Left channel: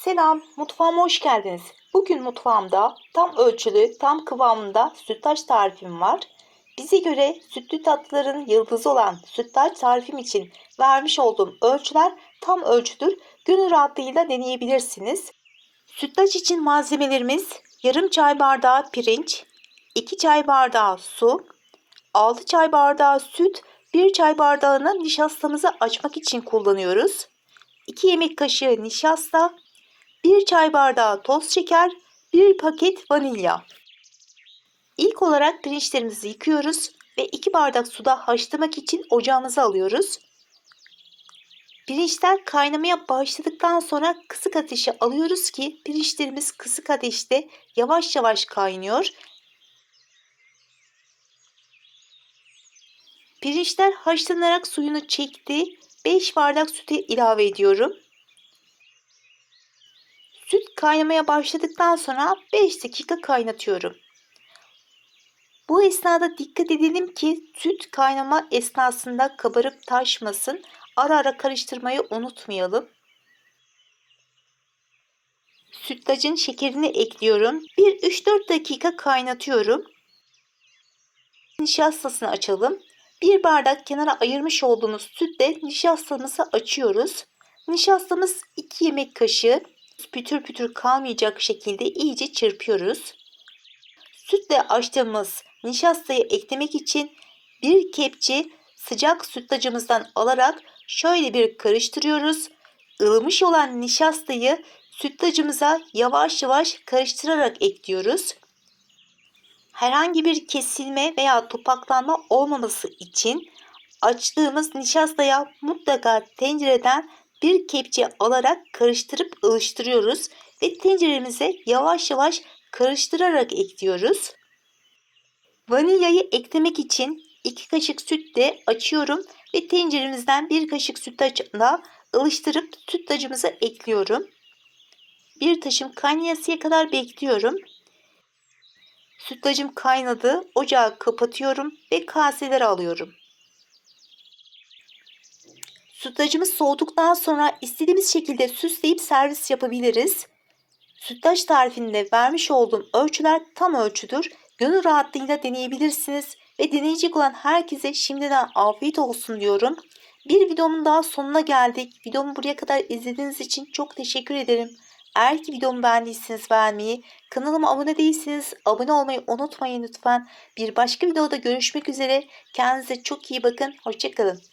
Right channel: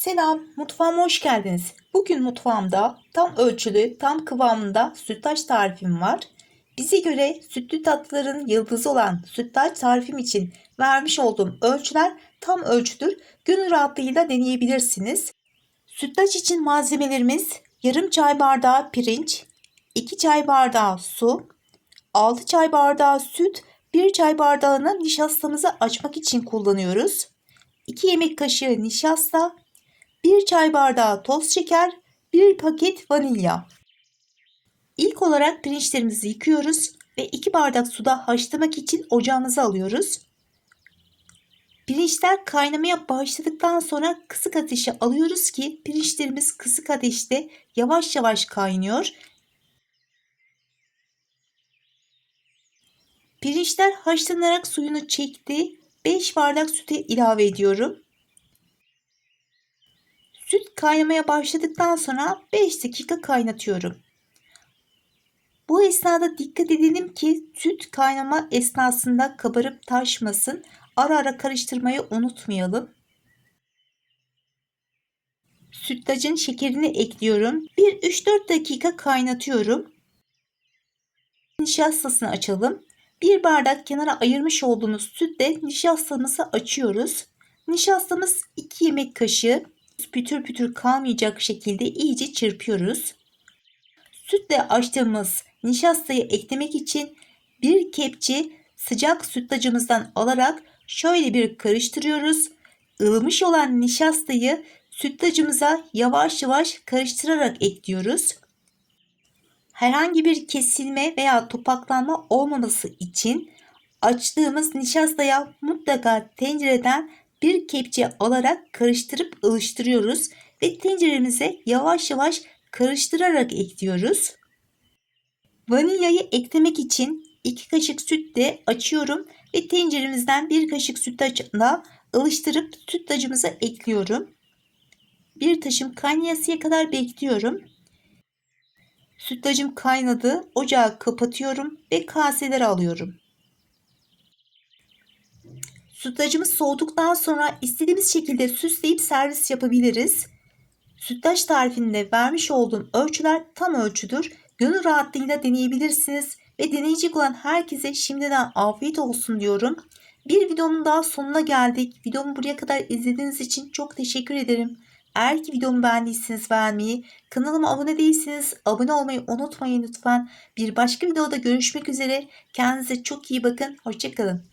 Selam, mutfağıma hoş geldiniz. Bugün mutfağımda tam ölçülü, tam kıvamında sütlaç tarifim var. Bize göre sütlü tatlıların yıldızı olan sütlaç tarifim için vermiş olduğum ölçüler tam ölçüdür. Gönül rahatlığıyla deneyebilirsiniz. Sütlaç için malzemelerimiz yarım çay bardağı pirinç, 2 çay bardağı su, 6 çay bardağı süt, 1 çay bardağını nişastamızı açmak için kullanıyoruz. 2 yemek kaşığı nişasta, 1 çay bardağı toz şeker, 1 paket vanilya. İlk olarak pirinçlerimizi yıkıyoruz ve 2 bardak suda haşlamak için ocağımıza alıyoruz. Pirinçler kaynamaya başladıktan sonra kısık ateşe alıyoruz ki pirinçlerimiz kısık ateşte yavaş yavaş kaynıyor. Pirinçler haşlanarak suyunu çekti. 5 bardak sütü ilave ediyorum. Süt kaynamaya başladıktan sonra 5 dakika kaynatıyorum. Bu esnada dikkat edelim ki süt kaynama esnasında kabarıp taşmasın. Ara ara karıştırmayı unutmayalım. Sütlacın şekerini ekliyorum. 1-3-4 dakika kaynatıyorum. Nişastasını açalım. Bir bardak kenara ayırmış olduğumuz sütle nişastamızı açıyoruz. Nişastamız 2 yemek kaşığı pütür pütür kalmayacak şekilde iyice çırpıyoruz. Sütle açtığımız nişastayı eklemek için bir kepçe sıcak sütlacımızdan alarak şöyle bir karıştırıyoruz. Ilımış olan nişastayı sütlacımıza yavaş yavaş karıştırarak ekliyoruz. Herhangi bir kesilme veya topaklanma olmaması için açtığımız nişastaya mutlaka tencereden bir kepçe alarak karıştırıp ılıştırıyoruz ve tenceremize yavaş yavaş karıştırarak ekliyoruz. Vanilyayı eklemek için 2 kaşık sütle açıyorum ve tenceremizden 1 kaşık sütlaçla ılıştırıp sütlacımıza ekliyorum. Bir taşım kaynayasıya kadar bekliyorum. Sütlacım kaynadı. Ocağı kapatıyorum ve kaselere alıyorum. Sütlacımız soğuduktan sonra istediğimiz şekilde süsleyip servis yapabiliriz. Sütlaç tarifinde vermiş olduğum ölçüler tam ölçüdür. Gönül rahatlığıyla deneyebilirsiniz ve deneyecek olan herkese şimdiden afiyet olsun diyorum. Bir videomun daha sonuna geldik. Videomu buraya kadar izlediğiniz için çok teşekkür ederim. Eğer ki videomu beğendiyseniz beğenmeyi, kanalıma abone değilseniz abone olmayı unutmayın lütfen. Bir başka videoda görüşmek üzere. Kendinize çok iyi bakın. Hoşçakalın.